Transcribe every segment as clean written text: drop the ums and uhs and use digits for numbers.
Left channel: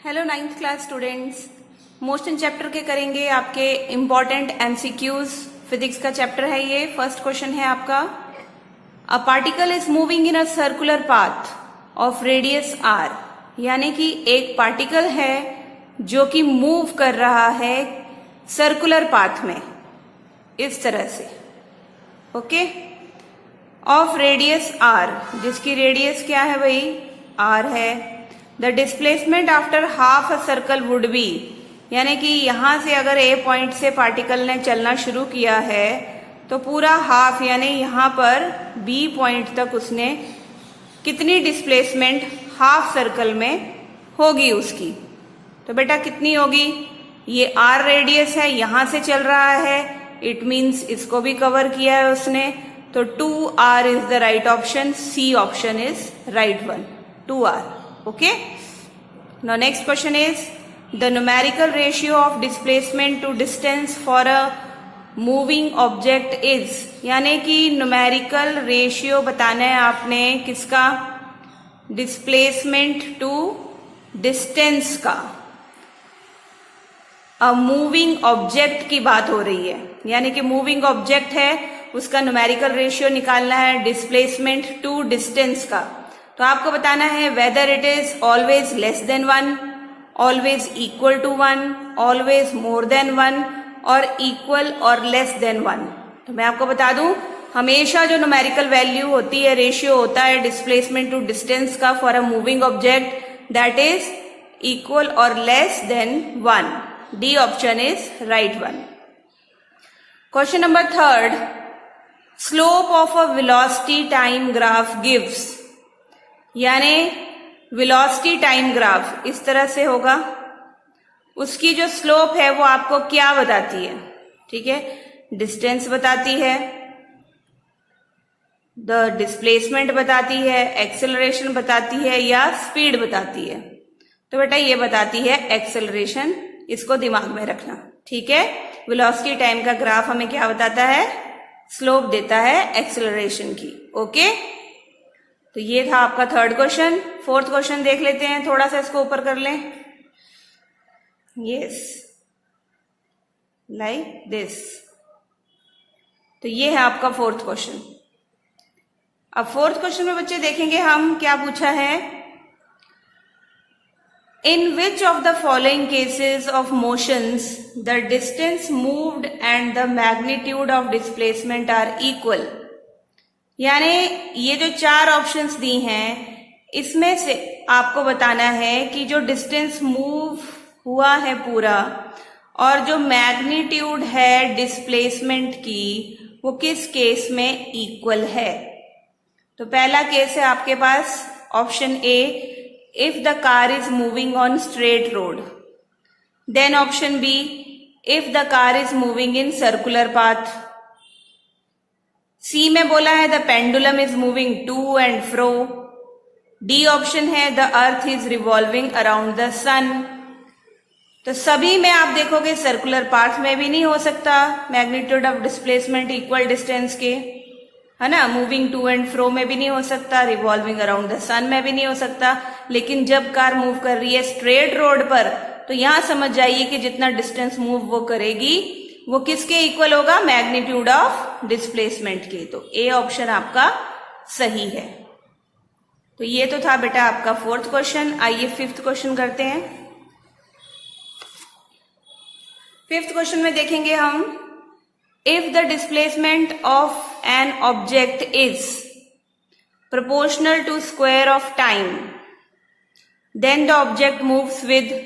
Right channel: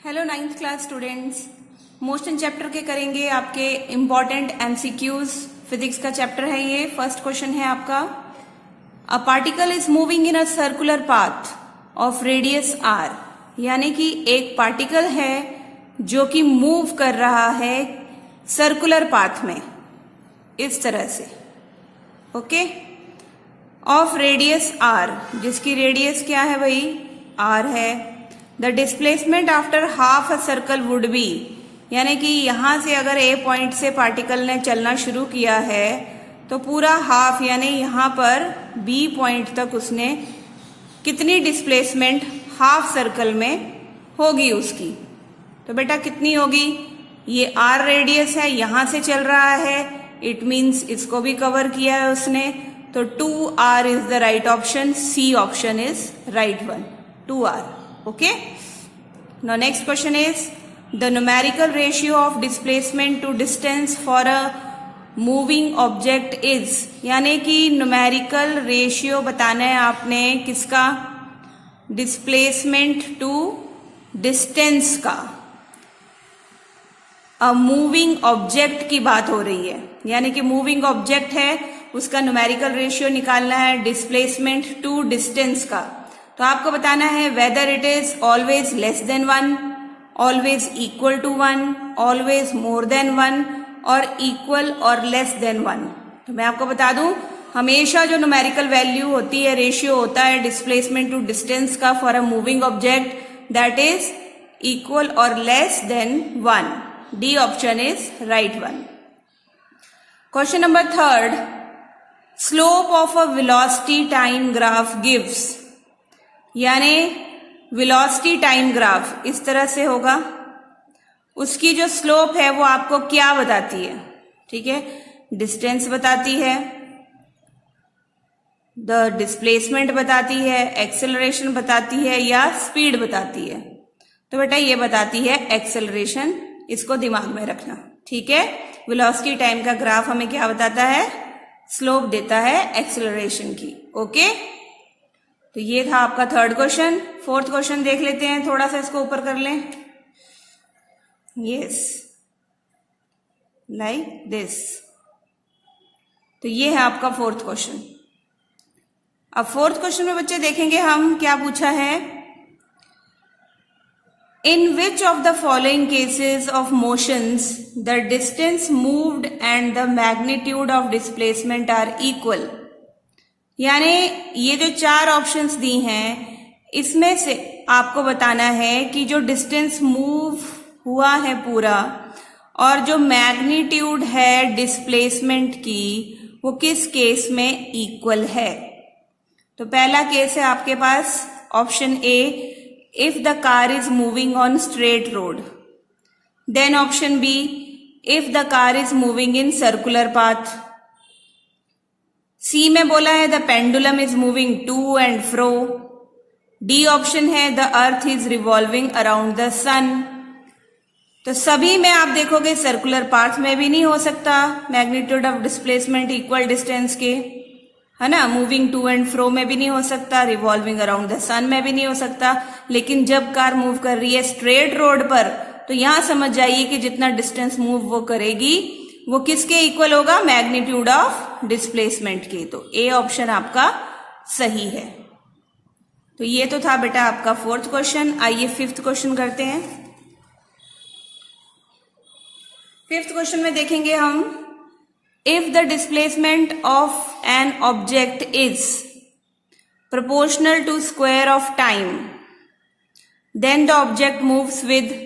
Hello ninth class students, motion chapter के करेंगे आपके इम्पॉर्टेंट एमसीक्यूज। फिजिक्स का चैप्टर है ये। फर्स्ट क्वेश्चन है आपका, a particle is moving in a circular path of radius R. यानी कि एक पार्टिकल है जो कि मूव कर रहा है सर्कुलर पाथ में इस तरह से, ओके, ऑफ रेडियस आर, जिसकी रेडियस क्या है भाई, आर है। The displacement after half a circle would be, यानी कि यहां से अगर ए पॉइंट से पार्टिकल ने चलना शुरू किया है तो पूरा हाफ यानी यहां पर बी पॉइंट तक उसने कितनी डिस्प्लेसमेंट हाफ सर्कल में होगी उसकी। तो बेटा कितनी होगी, ये आर रेडियस है, यहां से चल रहा है, इट मीन्स इसको भी कवर किया है उसने, तो 2r is the right option. C option is right one, 2r। Okay. Now next question is the numerical ratio of displacement to distance for a moving object is, यानी कि numerical ratio बताना है आपने किसका, displacement to distance का। अब moving object की बात हो रही है, यानी कि मूविंग ऑब्जेक्ट है, उसका न्यूमेरिकल रेशियो निकालना है डिस्प्लेसमेंट टू डिस्टेंस का। तो आपको बताना है whether it is always less than 1, always equal to 1, always more than 1 और इक्वल और लेस देन 1। तो मैं आपको बता दूं, हमेशा जो न्यूमेरिकल वैल्यू होती है, रेशियो होता है डिस्प्लेसमेंट टू डिस्टेंस का for a moving object, that is equal और less than 1। D option is right one. Question number third, slope of a velocity time graph gives, यानी वेलोसिटी टाइम ग्राफ इस तरह से होगा, उसकी जो स्लोप है वो आपको क्या बताती है, ठीक है, डिस्टेंस बताती है, द डिस्प्लेसमेंट बताती है, एक्सेलरेशन बताती है या स्पीड बताती है। तो बेटा ये बताती है एक्सेलरेशन, इसको दिमाग में रखना, ठीक है। वेलोसिटी टाइम का ग्राफ हमें क्या बताता है, स्लोप देता है एक्सेलरेशन की, ओके। तो ये था आपका थर्ड क्वेश्चन। फोर्थ क्वेश्चन देख लेते हैं, थोड़ा सा इसको ऊपर कर लें, यस, लाइक दिस। तो ये है आपका फोर्थ क्वेश्चन। अब फोर्थ क्वेश्चन में बच्चे देखेंगे हम क्या पूछा है, in which of the following cases of motions the distance moved and the magnitude of displacement are equal. यानी ये जो चार ऑप्शंस दी हैं, इसमें से आपको बताना है कि जो डिस्टेंस मूव हुआ है पूरा और जो मैग्नीट्यूड है डिस्प्लेसमेंट की, वो किस केस में इक्वल है। तो पहला केस है आपके पास option A, if the car is moving on straight road. Then option B, if the car is moving in circular path. C में बोला है the pendulum is moving to and fro. D option है the earth is revolving around the sun. तो सभी में आप देखोगे circular path में भी नहीं हो सकता magnitude of displacement equal distance के, है ना, मूविंग टू एंड फ्रो में भी नहीं हो सकता, रिवॉल्विंग अराउंड द सन में भी नहीं हो सकता। लेकिन जब कार मूव कर रही है स्ट्रेट रोड पर, तो यहां समझ जाइए कि जितना डिस्टेंस मूव वो करेगी वो किसके इक्वल होगा, मैग्नीट्यूड ऑफ डिस्प्लेसमेंट के। तो ए ऑप्शन आपका सही है। तो ये तो था बेटा आपका फोर्थ क्वेश्चन। आइए फिफ्थ क्वेश्चन करते हैं। फिफ्थ क्वेश्चन में देखेंगे हम, if the displacement of an object is proportional to square of time then the object moves with,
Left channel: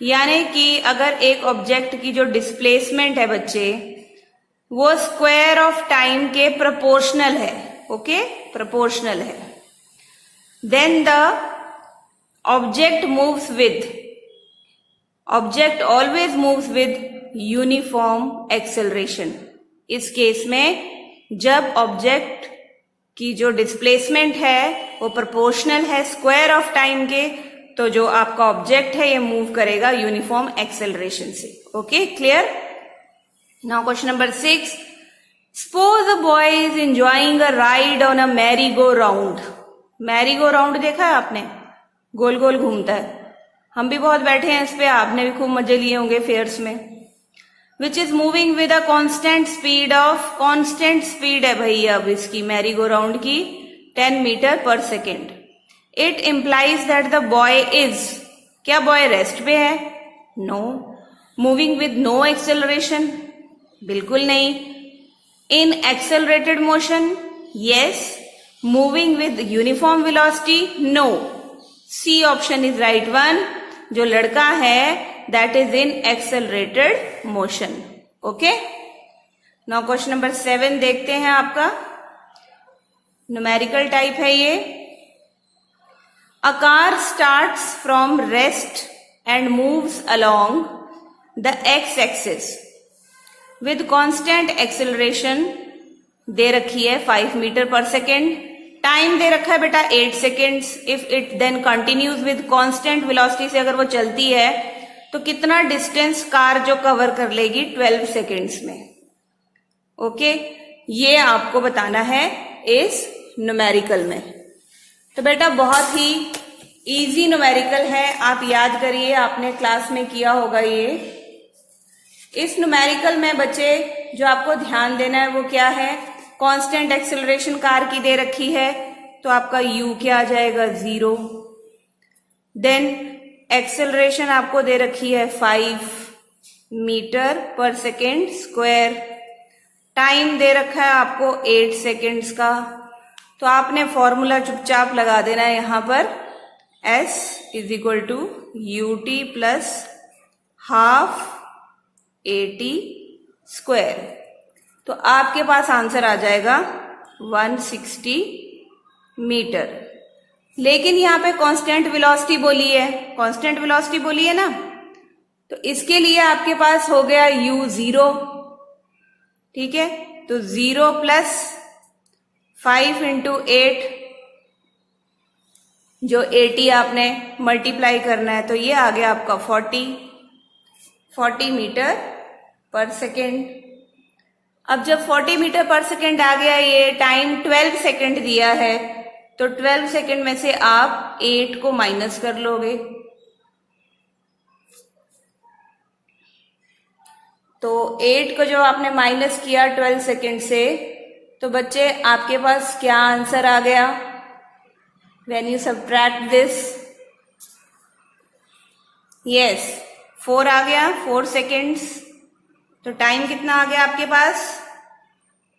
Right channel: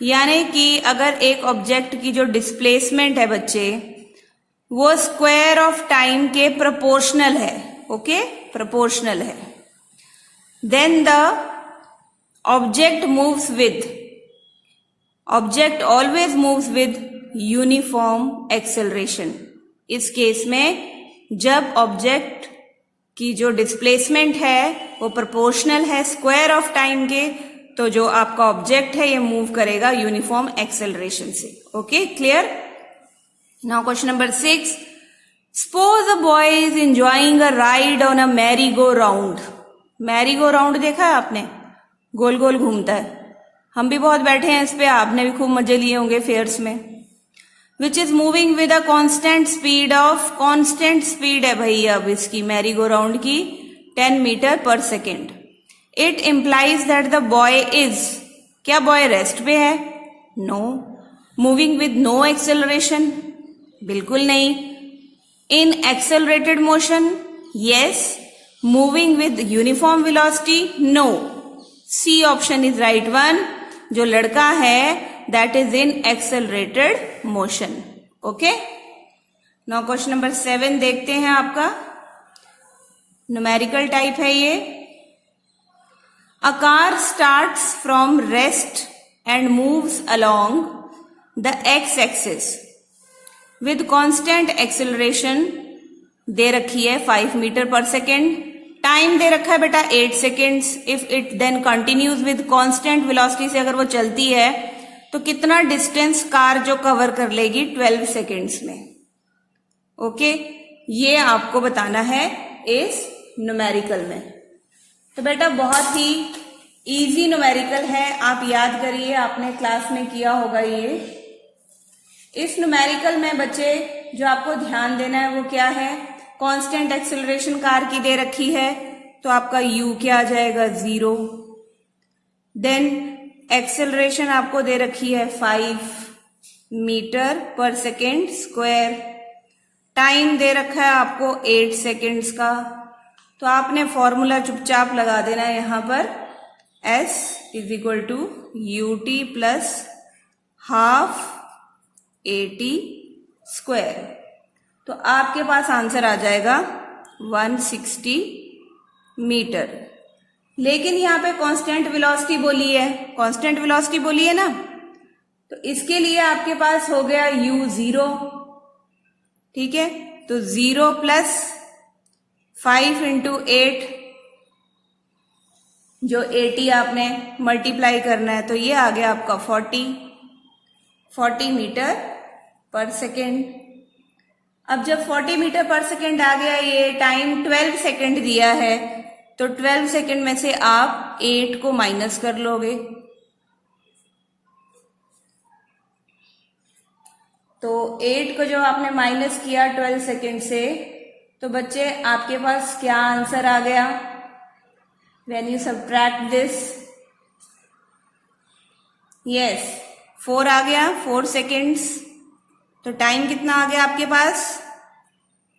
यानी कि अगर एक ऑब्जेक्ट की जो डिस्प्लेसमेंट है बच्चे, वो स्क्वायर ऑफ टाइम के प्रोपोर्शनल है, ओके, प्रोपोर्शनल है, then the object moves with, object always moves with uniform acceleration. इस केस में जब ऑब्जेक्ट की जो डिस्प्लेसमेंट है वो प्रोपोर्शनल है स्क्वायर ऑफ टाइम के, तो जो आपका ऑब्जेक्ट है ये मूव करेगा यूनिफॉर्म एक्सेलरेशन से, okay, clear. Now question number 6, suppose a boy is enjoying a ride on a merry go round. Merry go round देखा है आपने, गोल गोल घूमता है, हम भी बहुत बैठे हैं इस पे, आपने भी खूब मजे लिए होंगे फेयर्स में। Which is moving with a constant speed of, constant speed है भाई अब इसकी मैरी गो राउंड की 10 मीटर पर second. It implies that the boy is, क्या बॉय रेस्ट पे है? No. Moving with no acceleration, बिल्कुल नहीं। In accelerated motion, yes. Moving with uniform velocity, no. C option is right one. जो लड़का है that is in accelerated motion. Okay, now question number 7 देखते हैं आपका। न्यूमेरिकल टाइप है ये। A car starts from rest and moves along the X axis with constant acceleration दे रखी है 5 मीटर पर सेकेंड। टाइम दे रखा है बेटा 8 seconds. If it then continues with constant velocity से अगर वो चलती है तो कितना डिस्टेंस कार जो कवर कर लेगी 12 सेकेंड्स में। ओके, ये आपको बताना है इस न्यूमेरिकल में। तो बेटा बहुत ही इजी न्यूमेरिकल है, आप याद करिए, आपने क्लास में किया होगा ये। इस न्यूमेरिकल में बच्चे जो आपको ध्यान देना है वो क्या है, कांस्टेंट एक्सेलरेशन कार की दे रखी है तो आपका u क्या आ जाएगा 0। देन एक्सेलरेशन आपको दे रखी है 5 मीटर पर सेकेंड स्क्वायर। टाइम दे रखा है आपको 8 सेकेंड्स का। तो आपने फॉर्मूला चुपचाप लगा देना है यहां पर, s is equal to ut plus half at square. तो आपके पास आंसर आ जाएगा 160 मीटर। लेकिन यहाँ पे कांस्टेंट वेलोसिटी बोली है, कांस्टेंट वेलोसिटी बोली है ना, तो इसके लिए आपके पास हो गया u 0। ठीक है, तो 0 प्लस 5 इंटू 8, जो 80 आपने मल्टीप्लाई करना है, तो ये आ गया आपका 40 मीटर पर सेकेंड। अब जब 40 मीटर पर सेकेंड आ गया, ये टाइम 12 सेकेंड दिया है, तो 12 सेकेंड में से आप 8 को माइनस कर लोगे। तो 8 को जो आपने माइनस किया 12 सेकेंड से, तो बच्चे आपके पास क्या आंसर आ गया when you subtract this? Yes, 4 आ गया, 4 सेकेंड्स। तो टाइम कितना आ गया आपके पास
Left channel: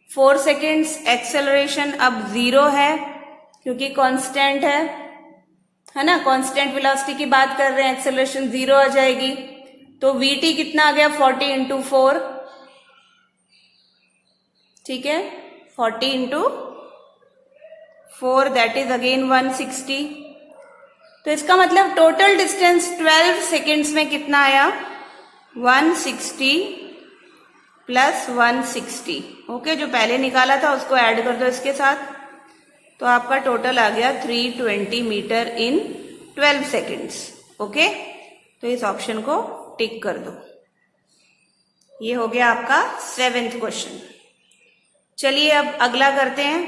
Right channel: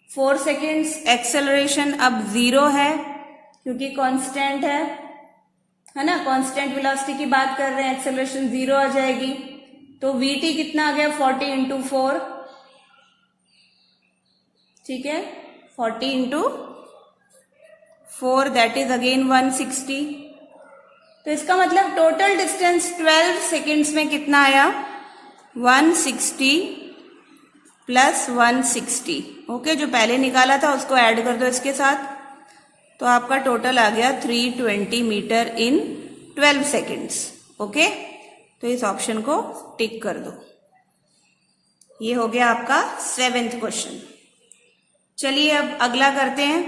4 सेकेंड्स। एक्सेलरेशन अब 0 है क्योंकि कांस्टेंट है ना, कांस्टेंट वेलोसिटी की बात कर रहे हैं, एक्सेलरेशन 0 आ जाएगी। तो वीटी कितना आ गया 40 इंटू 4। ठीक है, 40 इंटू 4 दैट इज अगेन 160। तो इसका मतलब टोटल डिस्टेंस 12 सेकेंड्स में कितना आया 160 प्लस 160। ओके, जो पहले निकाला था उसको ऐड कर दो इसके साथ, तो आपका टोटल आ गया 320 मीटर इन 12 सेकेंड्स। ओके, तो इस ऑप्शन को टिक कर दो। ये हो गया आपका 7th क्वेश्चन। चलिए अब अगला करते हैं।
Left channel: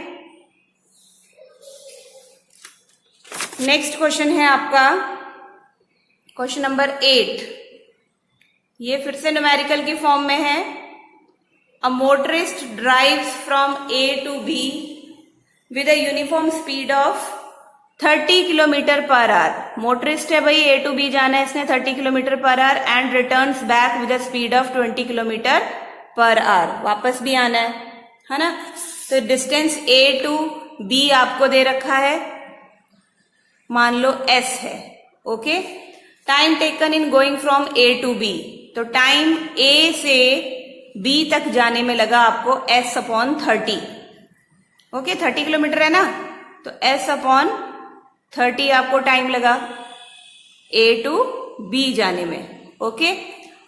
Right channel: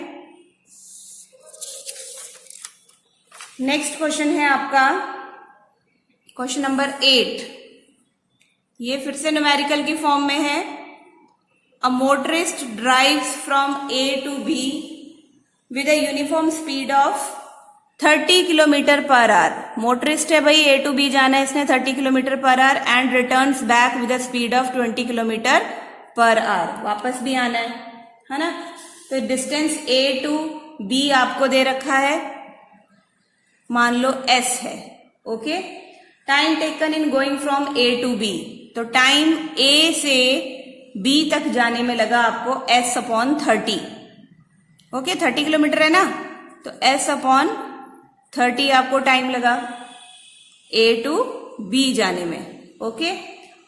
नेक्स्ट क्वेश्चन है आपका क्वेश्चन नंबर 8। ये फिर से न्यूमेरिकल की फॉर्म में है। A motorist drives from A to B with a uniform speed of 30 kilometre per hour. Motorist है भाई, A to B जाना है इसने 30 kilometre per hour and returns back with a speed of 20 kilometre per hour. वापस भी आना है ना। तो डिस्टेंस A to B आपको दे रखा है, मान लो S है। Okay, time taken in going from A to B, तो टाइम A से B तक जाने में लगा आपको S अपॉन 30। ओके, 30 किलोमीटर है ना, तो S अपॉन 30 आपको टाइम लगा A टू B जाने में। ओके,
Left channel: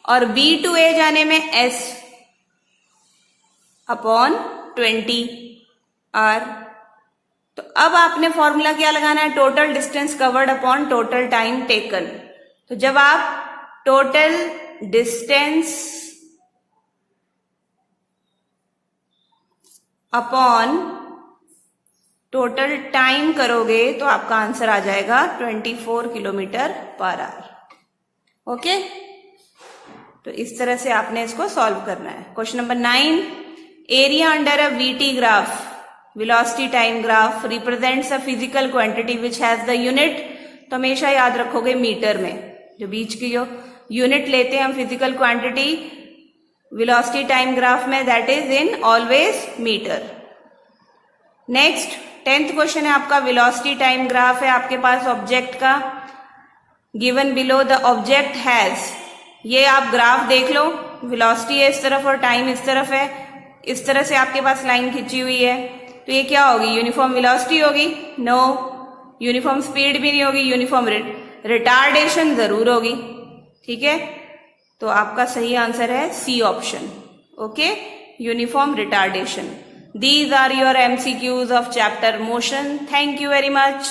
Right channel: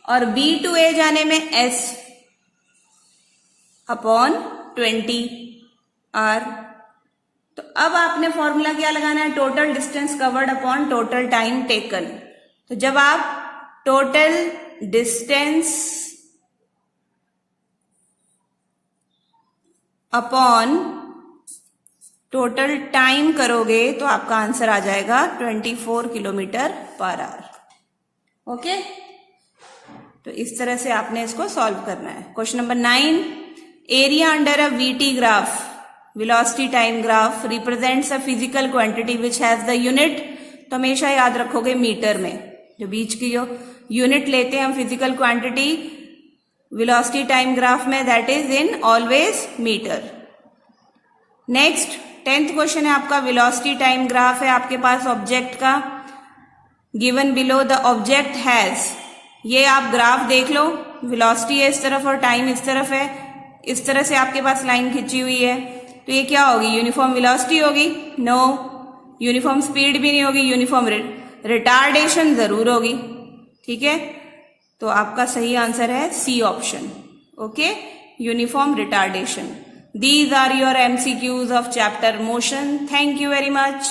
और B टू A जाने में S अपॉन 20 R। तो अब आपने फॉर्मूला क्या लगाना है, total distance covered upon total time taken. तो जब आप total distance upon total time करोगे तो आपका आंसर आ जाएगा 24 किलोमीटर पर आवर। ओके, तो इस तरह से आपने इसको सॉल्व करना है। Question number 9, area under a VT graph, velocity time graph, represents a physical quantity which has the unit, तो हमेशा याद रखोगे मीटर में, जो बीच की जो यूनिट लेते हैं हम physical quantity velocity time graph में, that is in always metre. Next 10th question है आपका, वेलोसिटी टाइम ग्राफ है आपके पास ऑब्जेक्ट का, given below the object has, ये आप ग्राफ देख लो, वेलोसिटी है इस तरफ और टाइम इस तरफ है, इस तरह से आपके पास लाइन खिंची हुई है, तो ये क्या होगी, यूनिफॉर्म वेलोसिटी होगी? नो, यूनिफॉर्म स्पीड भी नहीं होगी, यूनिफॉर्म रिटार्डेशन जरूर होगी। ठीक है, तो आपका सही आंसर है C option. Okay, uniform retardation. These are your MCQs of chapter motion. Thank you very much.